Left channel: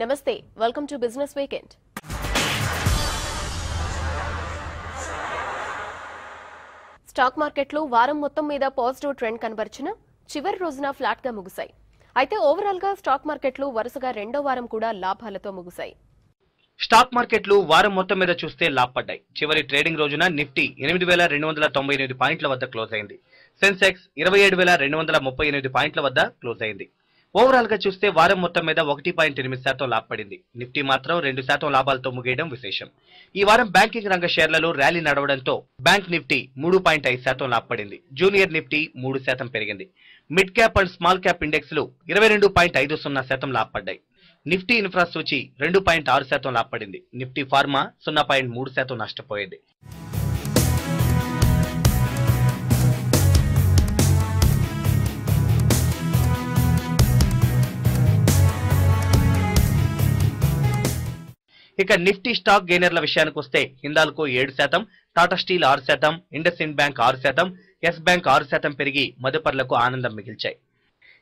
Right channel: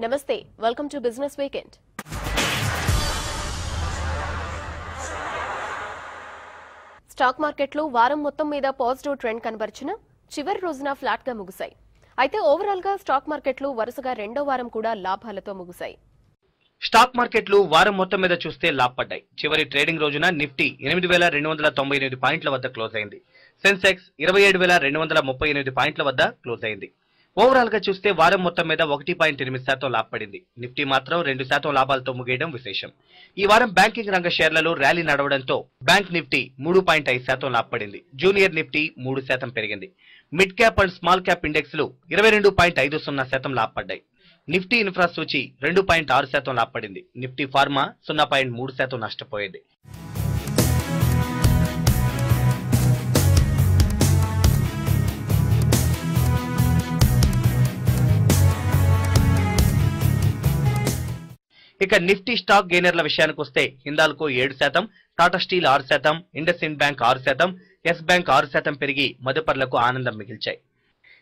Namaste. Welcome to Business Weekend. Stock మార్కెట్లో వారం మొత్తం మీద పాజిటివ్ ట్రెండ్ కనబర్చిన చివరి రోజున ఫ్లాట్ గా ముగిశాయి. అయితే ఓవరాల్ గా స్టాక్ మార్కెట్లు వరుసగా రెండో వారం కూడా లాభాలతో ముగిశాయి. స్టాక్ మార్కెట్లు వారం మొత్తం మీద చూస్తే లాభపడ్డాయి. చివరి ట్రేడింగ్ రోజున నిఫ్టీ 8298 పాయింట్ల వద్ద క్లోజ్ అయింది. సెన్సెక్స్ 27238 పాయింట్ల వద్ద క్లోజ్ అయింది. ఓవరాల్ గా చూస్తే వారం మొత్తం మీద 1.8% లాభపడింది. నిఫ్టీ మాత్రం 2% లాభాలతో ముగియడం విశేషం. ఈ వారం బ్యాంకింగ్ రంగ షేర్లలో ర్యాలీ నడవడంతో బ్యాంక్ నిఫ్టీ 3.5% లాభపడింది. జూనియర్ నిఫ్టీ 3% పెరిగింది. Mid cap and small cap index లు 22.50% లాభపడ్డాయి. నిఫ్టీ ఇన్ఫ్రా సూచి 2.6% లాభపడింది. నిఫ్టీ ఫార్మా 0.3% నష్టపోయింది. ఇక నిఫ్టీ స్టాక్ గెయినర్ల విషయానికి వస్తే Hindalco 7%, Tata Steel 6%, IndusInd Bank 6%, Yes Bank 6% పెరిగి మదుపర్లకు ఆనందం మిగిల్చాయి.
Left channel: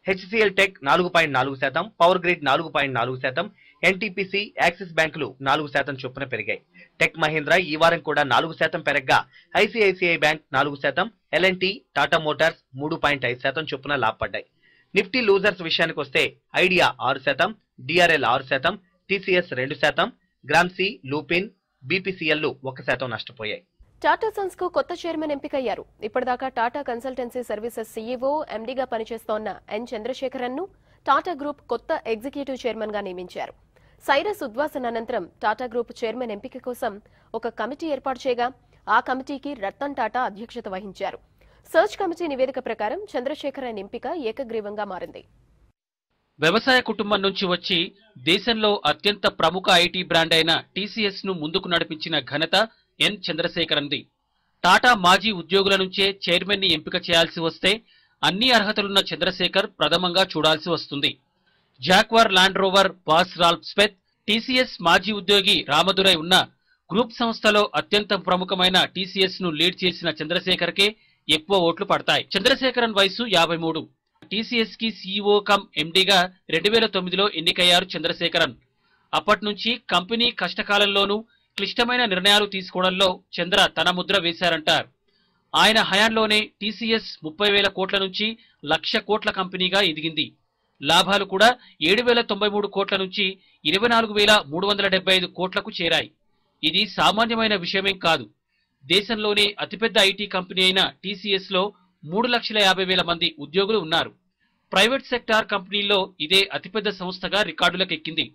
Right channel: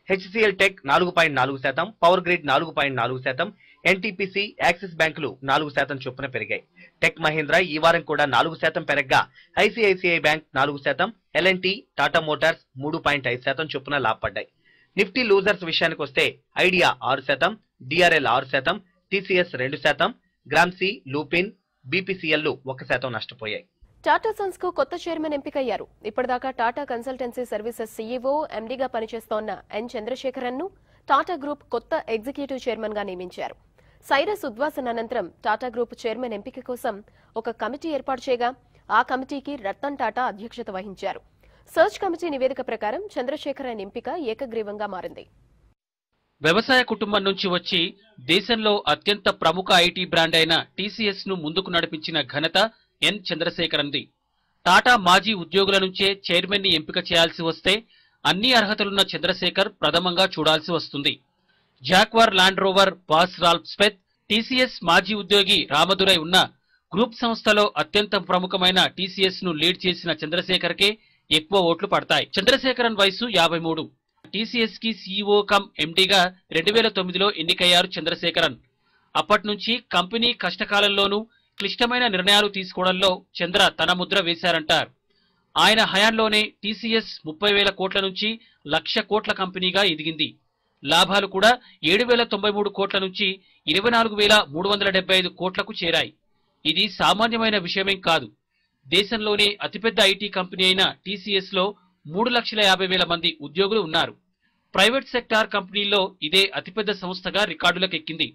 HCL Tech 4.4%, Power Grid 4.4%, NTPC, Axis బ్యాంకులు 4% చొప్పున పెరిగాయి. టెక్ మహీంద్రా ఈ వారం కూడా 4% పెరగ్గా ICICI Bank 4%, L and T, Tata Motors 3.5% చొప్పున లాభపడ్డాయి. నిఫ్టీ లూజర్స్ విషయానికి వస్తే ఐడియా 6%, డిఆర్ఎల్ 6%, టీసీఎస్ 2%, గ్రామ్సీ, లూపిన్, బీపీసీఎల్ 1% నష్టపోయాయి. టాటా సన్స్ కు కొత్త చైర్మన్ ఎంపికయ్యారు. ఇప్పటిదాకా టాటా కన్సల్టెన్సీ సర్వీసెస్ సీఈఓ, ఎండీగా పనిచేస్తోన్న ఎన్ చంద్రశేఖరన్ ను టాటా గ్రూప్ కొత్త ఎగ్జిక్యూటివ్ చైర్మన్ గా నియమించారు. సైరస్ ఉద్వాసన అనంతరం టాటా గ్రూప్ చైర్మన్ ఎంపిక కోసం ఒక కమిటీ ఏర్పాటు చేయగా ఆ కమిటీకి రతన్ టాటా అధ్యక్షత వహించారు. సర్చ్ కమిటీ నివేదిక ప్రకారం చంద్రశేఖరన్ ఎంపిక ఏకగ్రీవంగా మారింది. వ్యవసాయ కుటుంబం నుంచి వచ్చి దేశంలో అత్యంత ప్రముఖ ఐటీ బ్రాండ్ అయిన టీసీఎస్ ను ముందుకు నడిపించిన ఘనత ఎన్ చంద్రశేఖరన్ది. టాటా మాజీ ఉద్యోగుల నుంచే చైర్మన్ ని ఎంపిక చేయాల్సి వస్తే అన్ని అర్హతలున్న చంద్రశేఖర్ ప్రథమంగా చూడాల్సి వస్తుంది. Jaguar Land Rover boss Ralph Speth, TCS మాజీ ఉద్యోగి రామదురై ఉన్న గ్రూప్ సంస్థలో అత్యంత ప్రముఖమైన టీసీఎస్ ను లీడ్ చేసిన చంద్రశేఖర్ కే ఎక్కువ ఓట్లు పడతాయి. చంద్రశేఖరన్ వయసు 53. టీసీఎస్ కి సీఈఓ కమ్ ఎండీగా 2009లో ఎన్నికయ్యారు చంద్రశేఖరన్. అప్పటి నుంచి కంపెనీ కష్టకాలంలోనూ క్లిష్టమైన నిర్ణయాలు తీసుకోవడంలో చంద్ర తన ముద్ర వేశారంటారు. ఆయన హయాంలోనే టీసీఎస్ 30,000 కోట్ల నుంచి 1,00,000 కోట్ల కంపెనీగా ఎదిగింది. లాభాలు కూడా 7,093 కోట్ల నుంచి 24,375 కోట్లకు చేరాయి. ఇది సామాన్యమైన విషయమేం కాదు. దేశంలోనే అతిపెద్ద ఐటీ కంపెనీ అయిన టీసీఎస్ లో 3,50,000 మంది ఉద్యోగులు ఉన్నారు. ప్రైవేట్ సెక్టార్ కంపెనీలో ఇదే అతిపెద్ద సంస్థగా రికార్డులకు ఎక్కింది.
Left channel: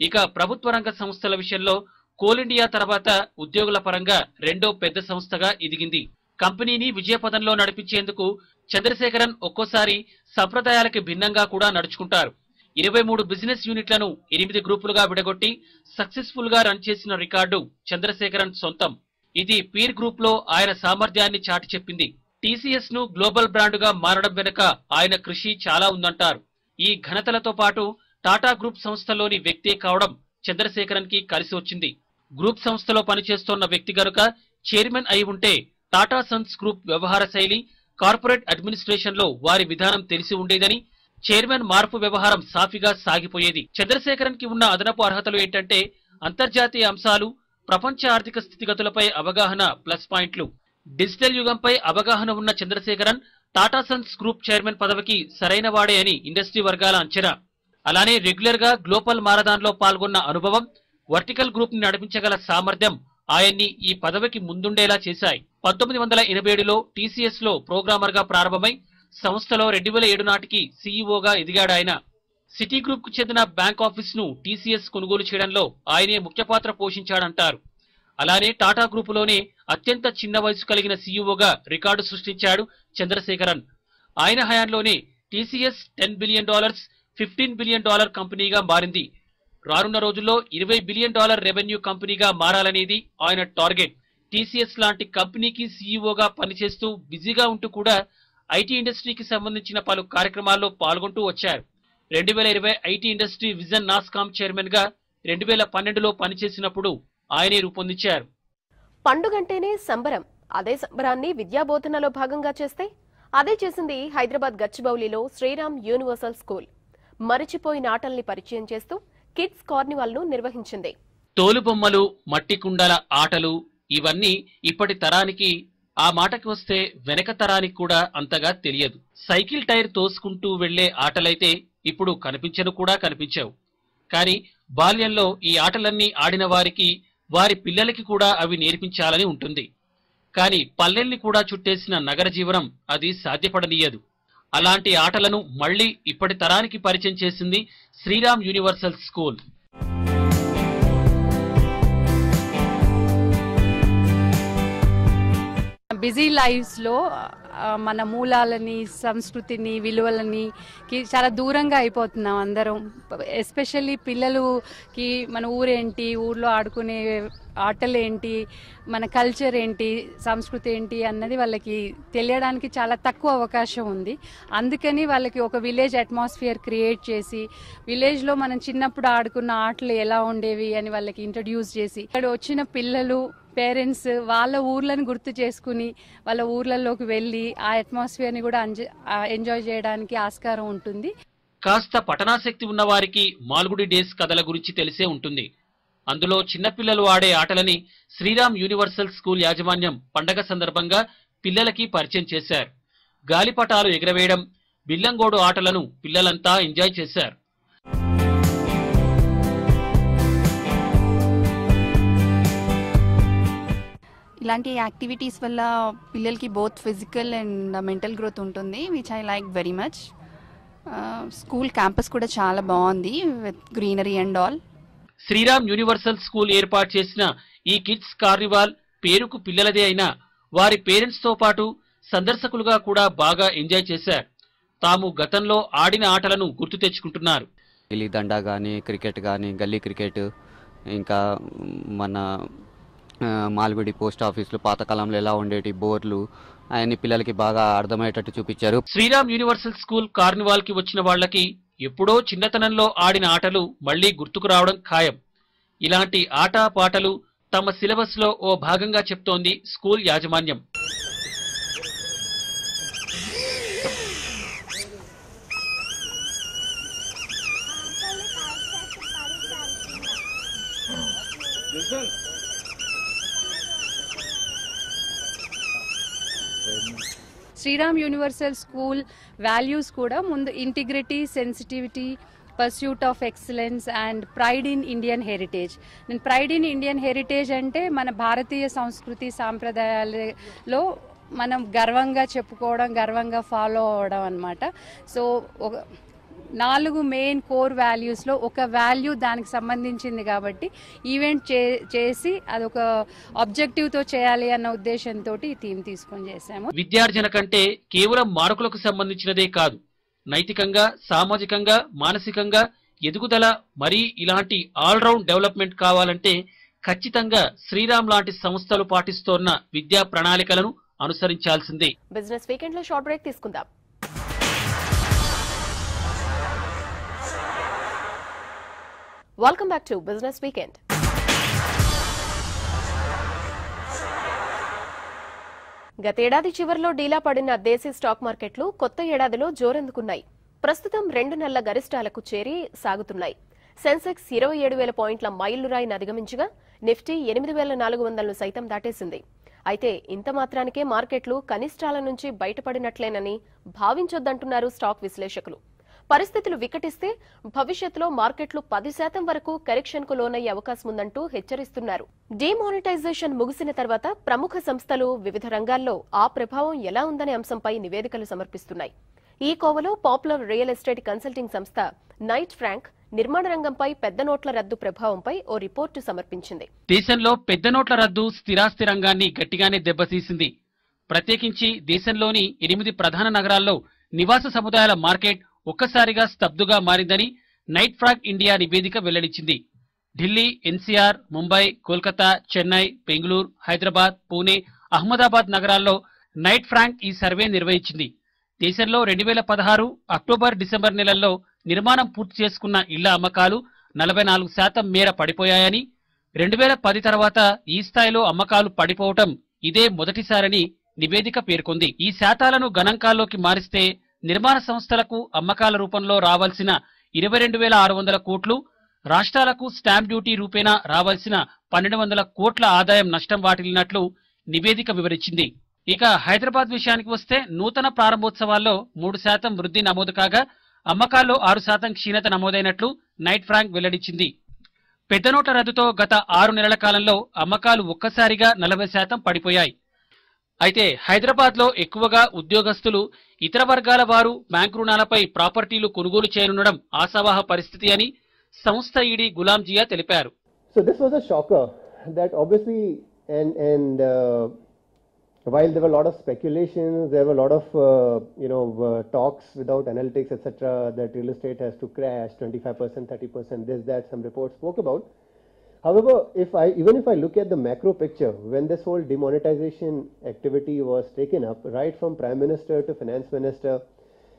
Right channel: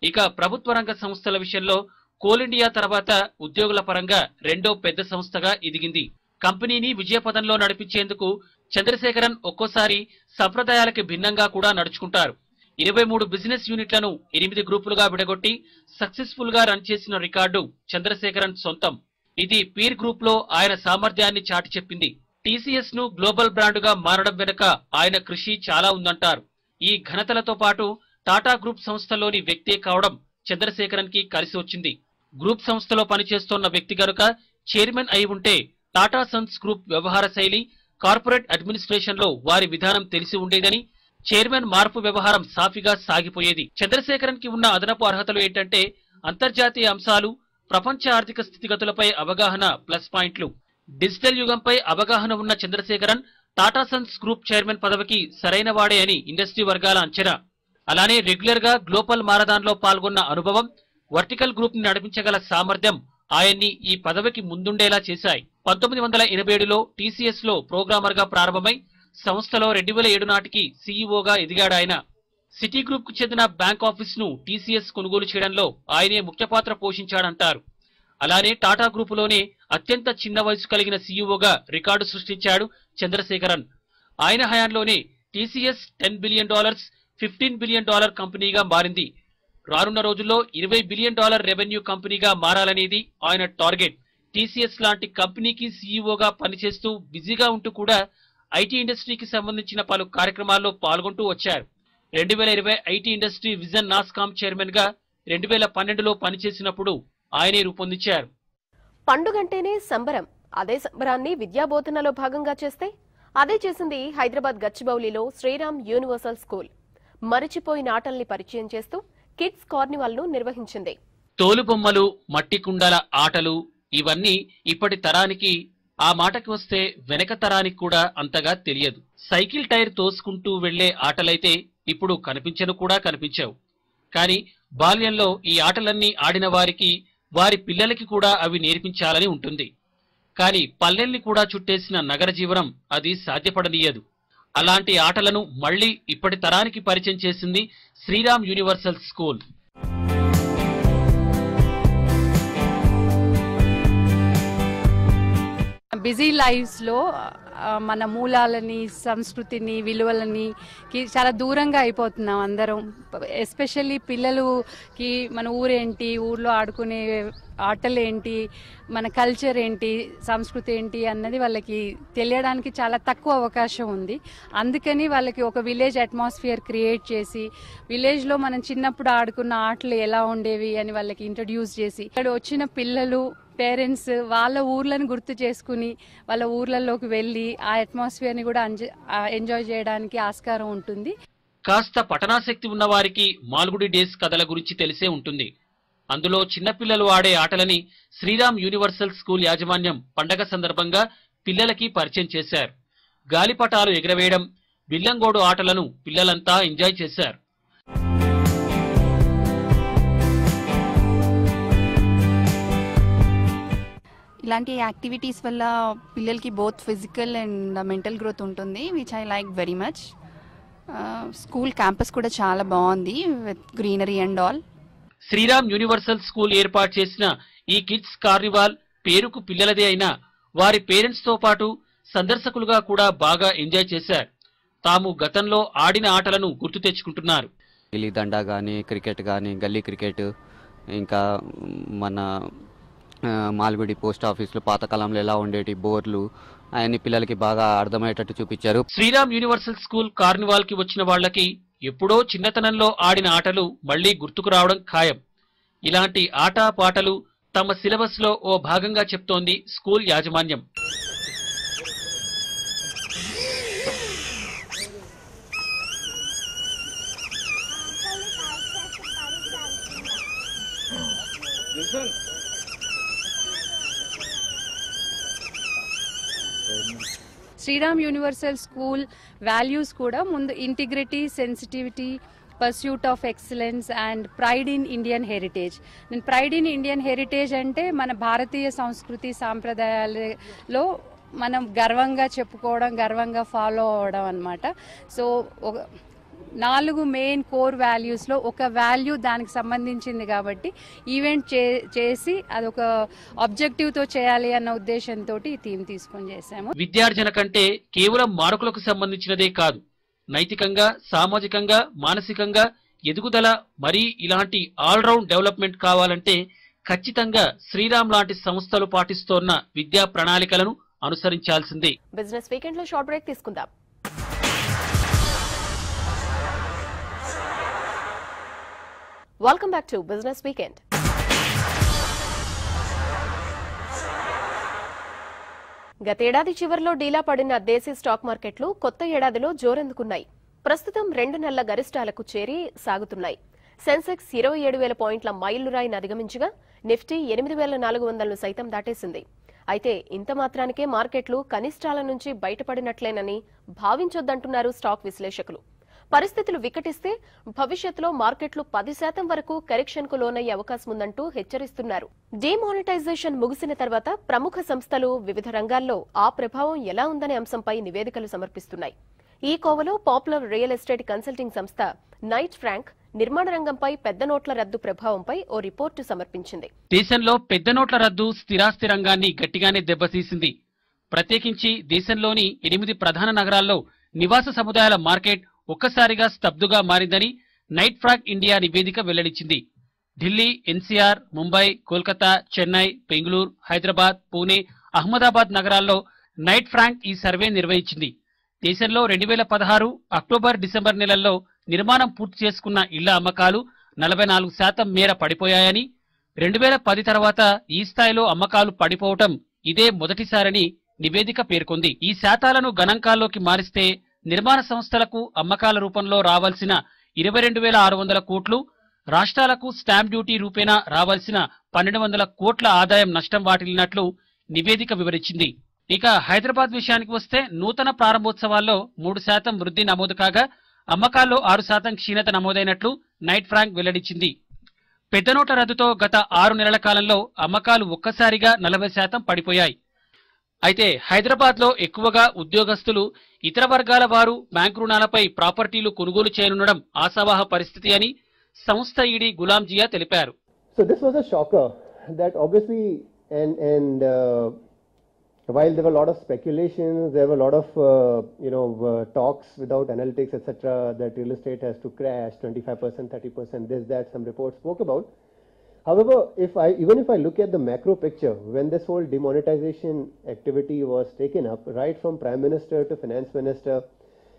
ఇక ప్రభుత్వ రంగ సంస్థల విషయంలో కోల్ ఇండియా తర్వాత ఉద్యోగుల పరంగా రెండో పెద్ద సంస్థగా ఎదిగింది. కంపెనీని విజయపథంలో నడిపించేందుకు చంద్రశేఖరన్ ఒక్కోసారి సంప్రదాయాలకు భిన్నంగా కూడా నడుచుకుంటారు. 23 బిజినెస్ యూనిట్లను 8 గ్రూపులుగా విడగొట్టి సక్సెస్ఫుల్ గా రన్ చేసిన రికార్డు చంద్రశేఖరన్ సొంతం. ఇది పీర్ గ్రూప్ లో ఆయన సామర్థ్యాన్ని చాటి చెప్పింది. టీసీఎస్ ను గ్లోబల్ బ్రాండ్ గా మారడం వెనుక ఆయన కృషి చాలా ఉందంటారు. ఈ ఘనతలతో పాటు టాటా గ్రూప్ సంస్థలోని వ్యక్తే కావడం చంద్రశేఖరన్ కి కలిసి వచ్చింది. గ్రూప్ సంస్థలో పనిచేస్తోన్న వ్యక్తి కనుక చైర్మన్ అయి ఉంటే టాటా సన్స్ గ్రూప్ వ్యవహార శైలి, కార్పొరేట్ అడ్మినిస్ట్రేషన్ లో వారి విధానం తెలిసి ఉండేదని, చైర్మన్ మార్పు వ్యవహారం సాఫీగా సాగిపోయేది. చంద్రశేఖరన్ కి ఉన్న అదనపు అర్హతలు ఏంటంటే అంతర్జాతీయ అంశాలు, ప్రపంచ ఆర్థిక స్థితిగతులపై అవగాహన ప్లస్ పాయింట్లు. డిజిటల్ యుగంపై అవగాహన ఉన్న Chandrasekaran Tata Sons group chairman పదవికి సరైన వాడే అని ఇండస్ట్రీ వర్గాల అంచనా. అలానే రెగ్యులర్ గా గ్లోబల్ మారథాన్ లో పాల్గొన్న అనుభవం, వర్టికల్ గ్రూప్ ని నడిపించగల సామర్థ్యం ఆయన్ని ఈ పదవికి ముందుండేలా చేశాయి. 1987లో టీసీఎస్ లో ప్రోగ్రామర్ గా ప్రారంభమై సంస్థలో 2007 నాటికి సీఈఓగా ఎదిగాడు ఆయన. సిటీ గ్రూప్ కు చెందిన బ్యాంక్ ఆఫీస్ ను టీసీఎస్ కొనుగోలు చేయడంలో ఆయనే ముఖ్య పాత్ర పోషించాడంటారు. అలానే టాటా గ్రూప్ లోనే అత్యంత చిన్న వయసు కలిగిన సీఈఓగా రికార్డు సృష్టించాడు చంద్రశేఖరన్. ఆయన హయాంలోనే టీసీఎస్ $10 బిలియన్, $15 బిలియన్ కంపెనీగా మారింది. రానున్న రోజుల్లో $20 బిలియన్ రెవెన్యూ కంపెనీగా మారాలనేది ఆయన టార్గెట్. టీసీఎస్ లాంటి కంపెనీకి సీఈఓగా పనిచేస్తూ బిజీగా ఉంటూ కూడా ఐటీ ఇండస్ట్రీకి సంబంధించిన పలు కార్యక్రమాల్లో పాల్గొంటూ వచ్చారు. 2020 IT industry vision NASSCOM chairman గా 2012లో పనిచేసినప్పుడు ఆయనే రూపొందించారు. పండుగంటేనే సంబరం. అదే సంబరాన్ని విద్యాబోధనలో భాగంగా చేస్తే అదే చేసింది హైదరాబాద్ గచ్చిబౌలిలో శ్రీరామ్ యూనివర్సల్ స్కూల్. మరిచిపోయిన ఆటల్ని పరిచయం చేస్తూ కిడ్స్ కార్నివాల్ ను నిర్వహించింది. తోలుబొమ్మలు, మట్టి కుండల ఆటలు ఇవన్నీ ఇప్పటి తరానికి, ఆ మాటకి వస్తే వెనక తరానికి కూడా అంతగా తెలియదు. సైకిల్ టైర్ తోసుకుంటూ వెళ్లే ఆటలైతే ఇప్పుడు కనిపించను కూడా కనిపించవు. కానీ బాల్యంలో ఈ ఆటలన్నీ ఆడిన వారికి వారి పిల్లలకి కూడా అవి నేర్పించాలని ఉంటుంది. కానీ పల్లెల్ని కూడా చుట్టేసిన నగర జీవనం అది సాధ్యపడనీయదు. అలాంటి ఆటలను మళ్లీ ఇప్పటి తరానికి పరిచయం చేసింది Sriram Universal School. Busy lifes లో మన మూలాలని, సంస్కృతిని, విలువలని చాలా దూరంగా అయిపోతున్నాం అందరం. ఎస్పెషల్లీ పిల్లలుకి మన ఊరేంటి, ఊర్లో ఆడుకునే ఆటలు ఏంటి, మన కల్చర్ ఏంటి, సంస్కృతి ఏంటి అన్నది వాళ్ళకి తెలియడానికి చాలా తక్కువ అవకాశం ఉంది. అందుకని వాళ్ళకి ఒక విలేజ్ అట్మాస్ఫియర్ క్రియేట్ చేసి, విలేజ్ లో మనం చిన్నప్పుడు ఆడుకున్న ఆటలు ఎలా ఉండేవి అని వాళ్ళకి ఇంట్రడ్యూస్ చేసి, ఇక్కడ వచ్చిన పిల్లలు, పేరెంట్స్ వాళ్ళ ఊర్లను గుర్తు చేసుకుని వాళ్ళ ఊర్లలోకి వెళ్లి ఆ అట్మాస్ఫియర్ ని కూడా ఎంజాయ్ చేయడానికి ఆస్కారం ఉంటుంది. కాస్త పఠనాసక్తి ఉన్న వారికి మాల్గుడి డేస్ కథల గురించి తెలిసే ఉంటుంది. అందులో చిన్నపిల్లలు ఆడే ఆటలని శ్రీరామ్ యూనివర్సల్ స్కూల్ యాజమాన్యం పండగ సందర్భంగా పిల్లలకి పరిచయం చేశారు. గాలిపటాలు ఎగరవేయడం, బిల్లంగోడు ఆటలను పిల్లలంతా ఎంజాయ్ చేశారు. ఇలాంటి యాక్టివిటీస్ వల్ల పిల్లలకి both physical and mental growth ఉంటుంది, which I like very much. School campus కూడా చాలా బాగుంది with greenery and all. Sriram Universal School ఏర్పాటు చేసిన ఈ కిడ్స్ కార్నివాల్ పేరుకు పిల్లలదే అయినా వారి పేరెంట్స్ తో పాటు సందర్శకులుగా కూడా బాగా ఎంజాయ్ చేశారు. తాము గతంలో ఆడిన ఆటలను గుర్తు తెచ్చుకుంటున్నారు. గిల్లిదండ గానీ, క్రికెట్ గానీ, గల్లీ క్రికెట్, ఇంకా మన మాల్గుడి పోస్ట్ ఆఫీస్ లో పాతకాలంలో ఎలా ఉండేటి బోర్లు ఆయన పిల్లలకి బాగా అర్థమయ్యేటట్టు చూపించారు. శ్రీరామ్ యూనివర్సల్ స్కూల్ కార్నివాల్ కి వచ్చిన వాళ్ళకి ఎప్పుడో చిన్నతనంలో ఆడిన ఆటలు మళ్లీ గుర్తుకు రావడం ఖాయం. ఇలాంటి ఆట పాటలు తమ సిలబస్ లో ఓ భాగంగా చెప్తోంది స్కూల్ యాజమాన్యం. శ్రీరామ్ యూనివర్సల్ స్కూల్ వాల్యూస్ కూడా ముందు integrity, sensitivity, pursuit of excellence and pride in Indian heritage. నేను ప్రైడ్ ఇన్ ఇండియన్ హెరిటేజ్ అంటే మన భారతీయ సంస్కృతి సాంప్రదాయాలలో మనం గర్వంగా చెప్పుకోవడం, గర్వంగా ఫాలో అవడం అన్నమాట. సో 4 మెయిన్ కోర్ వాల్యూస్ లో ఒక వాల్యూ దానికి సంబంధించింది కాబట్టి ఈవెంట్ చేసి అదొక ఆబ్జెక్టివ్ తో చేయాలి అన్న ఉద్దేశంతో ఈ థీమ్ తీసుకొని చేశాము. విద్యార్జన కంటే కేవలం మార్కులకు సంబంధించినదే కాదు, నైతికంగా, సామాజికంగా, మానసికంగా ఎదుగుదల, మరీ ఇలాంటి ఆల్రౌండ్ డెవలప్మెంట్ కావాలంటే ఖచ్చితంగా శ్రీరామ్ లాంటి సంస్థలు పాటిస్తోన్న విద్యా ప్రణాళికలను అనుసరించాల్సిందే. బిజినెస్ వీకెండ్ లో షార్ట్ బ్రేక్ తీసుకుందాం. Welcome back to business weekend. గతేడాది చివరిలో డీలా పడిన దేశీ స్టాక్ మార్కెట్లు కొత్త ఏడాదిలో జోరందుకున్నాయి. ప్రస్తుతం 2 నెలల గరిష్టాలకు చేరి సాగుతున్నాయి. సెన్సెక్స్ 27,000 పాయింట్ల మైలురాయిని అధిగమించగా నిఫ్టీ 8,400 సైతం దాటేసింది. అయితే ఇంత మాత్రానికే మార్కెట్లు కనిష్టాల నుంచి బయటపడినట్లేనని భావించొద్దంటున్నారు స్టాక్ విశ్లేషకులు. పరిస్థితులు వికటిస్తే భవిష్యత్తులో మార్కెట్లు 10% వరకు కరెక్షన్ కు లోనయ్యే అవకాశం ఉందంటూ హెచ్చరిస్తున్నారు. డిమానిటైజేషన్ ముగిసిన తర్వాత ప్రముఖ సంస్థలు వివిధ రంగాల్లో ఆ ప్రభావం ఎలా ఉందనే అంశంపై నివేదికలు సమర్పిస్తున్నాయి. ఈ కోవలో పాపులర్ రియల్ ఎస్టేట్ కన్సల్టింగ్ సంస్థ నైట్ ఫ్రాంక్ నిర్మాణ రంగంపై పెద్ద నోట్ల రద్దు ప్రభావంపై ఓ రిపోర్టు సమర్పించింది. దేశంలో పెద్ద నోట్ల రద్దు స్థిరాస్తి రంగాన్ని గట్టిగానే దెబ్బతీసింది. ప్రత్యేకించి దేశంలోని 8 ప్రధాన నగరాల్లో నివాస సముదాయాల మార్కెట్ ఒక్కసారిగా స్తబ్దుగా మారిందని నైట్ ఫ్రాంక్ ఇండియా నివేదిక వెల్లడించింది. ఢిల్లీ, ఎన్సీఆర్, ముంబై, కోల్కతా, చెన్నై, బెంగళూరు, హైదరాబాద్, పూణే, అహ్మదాబాద్ నగరాల్లో నైట్ ఫ్రాంక్ ఈ సర్వే నిర్వహించింది. దేశంలో 2016 అక్టోబర్-డిసెంబర్ నెలల్లో నిర్మాణం పూర్తి చేసుకున్న ఇళ్ల అమ్మకాలు 44% మేర పడిపోయాయని, 2010 తర్వాత ఈ స్థాయిలో అమ్మకాలు పడిపోవటం ఇదే మొదటిసారని నివేదిక పేర్కొంది. ఈ శాతాలను గణాంకాల్లోకి మారిస్తే నిర్మాణ సంస్థలకు అమ్మకాల రూపంలో రావాల్సిన 22,600 కోట్లు రాష్ట్రాలకు స్టాంప్ డ్యూటీ రూపేణా రావాల్సిన 1200 కోట్ల ఆదాయం నష్టం వాటిల్లినట్లు నివేదిక వివరించింది. ఇక హైదరాబాద్ విషయానికి వస్తే నూతన ప్రారంభోత్సవాల్లో 3% వృద్ధి నమోదు కాగా అమ్మకాల్లో 6% క్షీణత నమోదైనట్లు నైట్ ఫ్రాంక్ వెల్లడించింది. పెద్ద నోట్ల రద్దుతో గత 6 నెలల కాలంలో అమ్మకాలు ఒక్కసారిగా 40% పడిపోయాయి. అయితే హైదరాబాద్ లో ఎక్కువగా ఉద్యోగస్తులు, ఇతర వర్గాల వారు బ్యాంకు రుణాలపై ప్రాపర్టీలు కొనుగోలు చేయనుండడం ఆశావహ పరిస్థితి అని సంస్థ ఈడీ గులాం జియా తెలిపారు. So this was a shocker that obviously and while there were a lot of speculations, there were a lot of talks without analytics etc. that real estate has to crash 25%, 30%, this that some reports spoke about. However, even if I look at the macro picture, when this whole demonetization activity was taken up, right from Prime Minister to Finance Minister,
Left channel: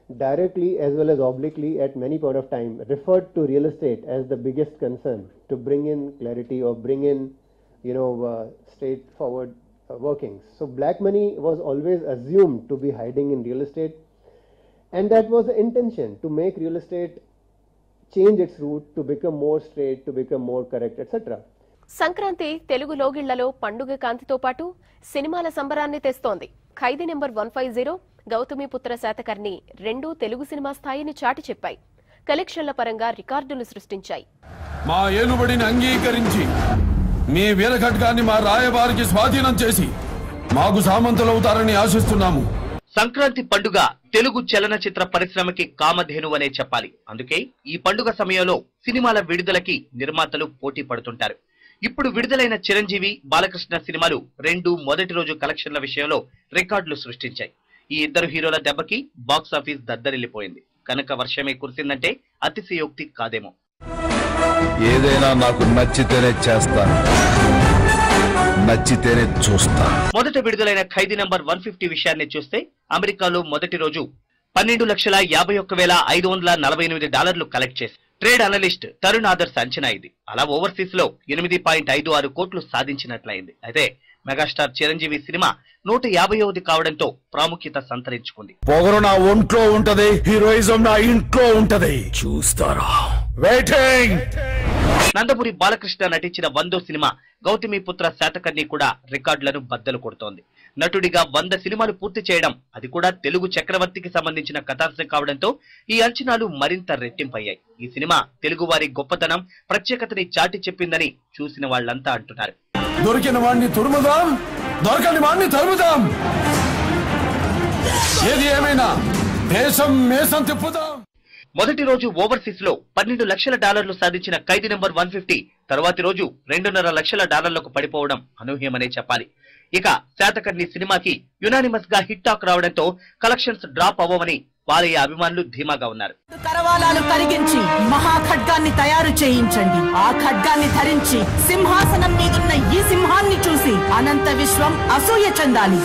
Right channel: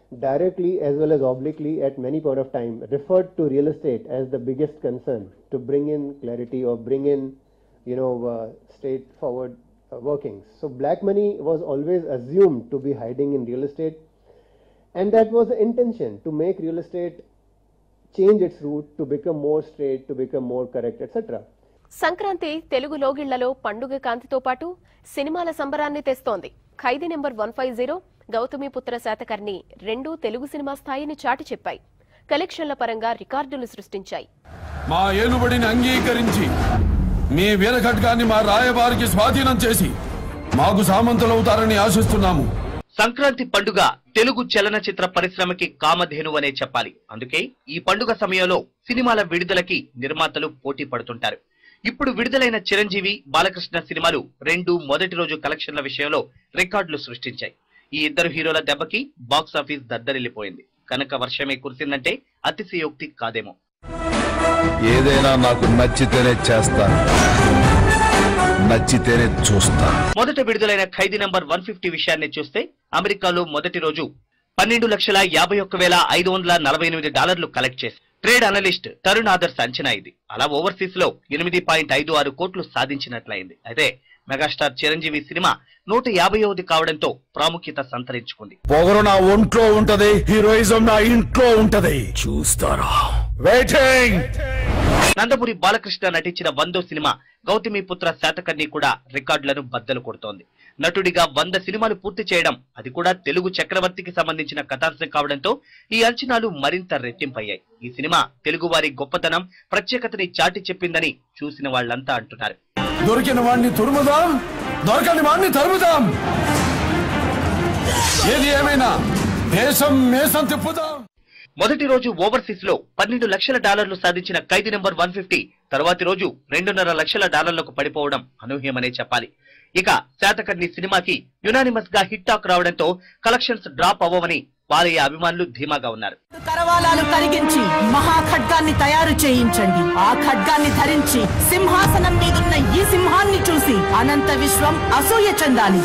directly as well as obliquely at many point of time, referred to real estate as the biggest concern to bring in clarity or bring in, straightforward workings. So black money was always assumed to be hiding in real estate, and that was the intention, to make real estate change its route to become more straight, to become more correct, etc. Sankranti Telugu లోగిళ్లలో పండుగ కాంతితో పాటు సినిమాల సంబరాన్ని తెస్తోంది. ఖైదీ number 150, Gautamiputra Satakarni 2 Telugu cinema స్థాయిని చాటి చెప్పాయి. కలెక్షన్ల పరంగా రికార్డులు సృష్టించాయి. మా ఏలుబడిని అంగీకరించి మీ వీరఘట్టాన్ని మా రాయబారికి స్వాధీనం చేసి మాకు సామంతులవుతారని ఆశిస్తున్నాము. సంక్రాంతి పండుగ తెలుగు చలనచిత్ర పరిశ్రమకి కామధేను అనే చెప్పాలి. అందుకే ఈ పండుగ సమయంలో సినిమాల విడుదలకి నిర్మాతలు పోటీ పడుతుంటారు. ఇప్పుడు విడుదలైన చిరంజీవి, బాలకృష్ణ సినిమాలు 2 మొదటి రోజు కలెక్షన్ల విషయంలో రికార్డులు సృష్టించాయి. ఈ ఇద్దరు హీరోల దెబ్బకి బాక్స్ ఆఫీస్ దద్దరిల్లిపోయింది. కనుక వర్షమే కురిసిందంటే అతిశయోక్తి కాదేమో. ఏదైనా నాకు నచ్చితేనే చేస్తాను, నచ్చితేనే చూస్తాను. మొదట విడుదలైన ఖైదీ నంబర్ 150 విషయాన్ని చూస్తే అమెరికాలో మొదటి రోజు $12,51,548 కలెక్ట్ చేసి ట్రేడ్ అనలిస్ట్ తరుణ్ ఆదర్శ్ అంచనా ఇది. అలా ఓవర్సీస్ లో 8.56 కోట్లు సాధించినట్లయింది. అయితే మెగాస్టార్ చిరంజీవి సినిమా 150ది కావడంతో ప్రాముఖ్యత సంతరించుకుంది. పొగరు నా ఒంట్లో ఉంటది, హీరోయిజం నా ఇంట్లో ఉంటది, చూస్తారా? వెయిటింగ్. నందమూరి బాలకృష్ణ నటించిన 100వ సినిమా గౌతమిపుత్ర శాతకర్ణి కూడా రికార్డులను బద్దలు కొడుతోంది. నటుడిగా 100 సినిమాలు పూర్తి చేయడం, అది కూడా తెలుగు చక్రవర్తికి సంబంధించిన కథాంశం కావడంతో ఈ అంచనాలు మరింత రెట్టింపయ్యాయి. ఈ సినిమా తెలుగు వారి గొప్పతనం, ప్రత్యేకతని చాటి చెప్పిందని చూసిన వాళ్ళంతా అంటున్నారు. దొరికిన వాడిని తురుముదాం, దొరకని వాడిని తరుముదాం, ఏది ఏమైనా దేశం మేసం తిప్పుదాం. మొదటి రోజు ఓవర్సీస్ లో $12 లక్షల సాధించిన ఖైదీ నంబర్ 150 తర్వాతి రోజు $2.5 లక్షల పడిపోవడం అనూహ్యమనే చెప్పాలి. ఇక శాతకర్ణి సినిమాకి యునానిమస్ గా హిట్ టాక్ రావడంతో కలెక్షన్స్ డ్రాప్ అవ్వవని వారి అభిమానులు ధీమాగా ఉన్నారు. కరవాలాలు కలిగించి మహాఖడ్గాన్ని తయారు చేయించండి. ఆ ఖడ్గాన్ని ధరించి సింహాసనం మీదున్న ఈ సింహాన్ని చూసి అనంత విశ్వం అసూయ చెందాలి.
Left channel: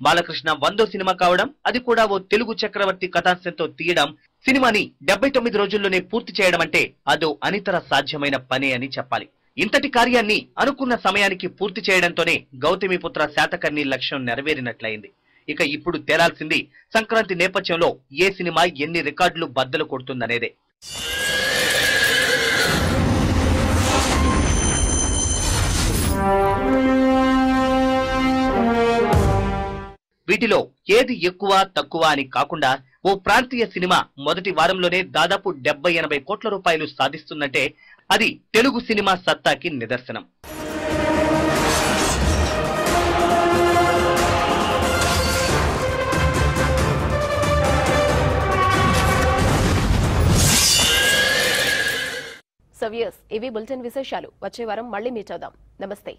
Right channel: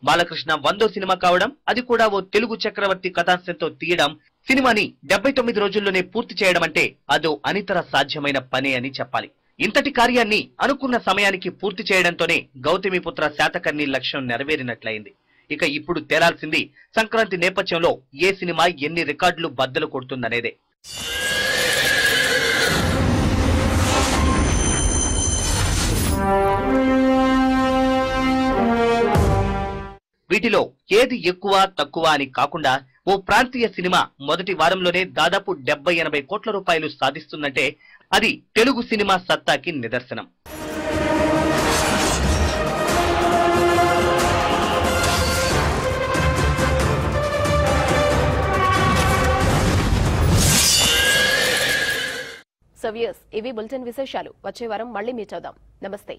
బాలకృష్ణ 100వ సినిమా కావడం, అది కూడా ఓ తెలుగు చక్రవర్తి కథాంశంతో తీయడం, సినిమాని 79 రోజుల్లోనే పూర్తి చేయడం అంటే అదో అనితర సాధ్యమైన పని అని చెప్పాలి. ఇంతటి కార్యాన్ని అనుకున్న సమయానికి పూర్తి చేయడంతోనే గౌతమిపుత్ర శాతకర్ణి లక్ష్యం నెరవేరినట్లయింది. ఇక ఇప్పుడు తేలాల్సింది సంక్రాంతి నేపథ్యంలో ఏ సినిమా ఎన్ని రికార్డులు బద్దలు కొడుతుందనేదే. వీటిలో ఏది ఎక్కువ తక్కువ అని కాకుండా ఓ ప్రాంతీయ సినిమా మొదటి వారంలోనే దాదాపు 70-80 కోట్ల రూపాయలు సాధిస్తుందంటే అది తెలుగు సినిమా సత్తాకి నిదర్శనం. ఇవి బులెటిన్ విశేషాలు. వచ్చే వారం మళ్ళీ మీట్ అవుదాం. నమస్తే.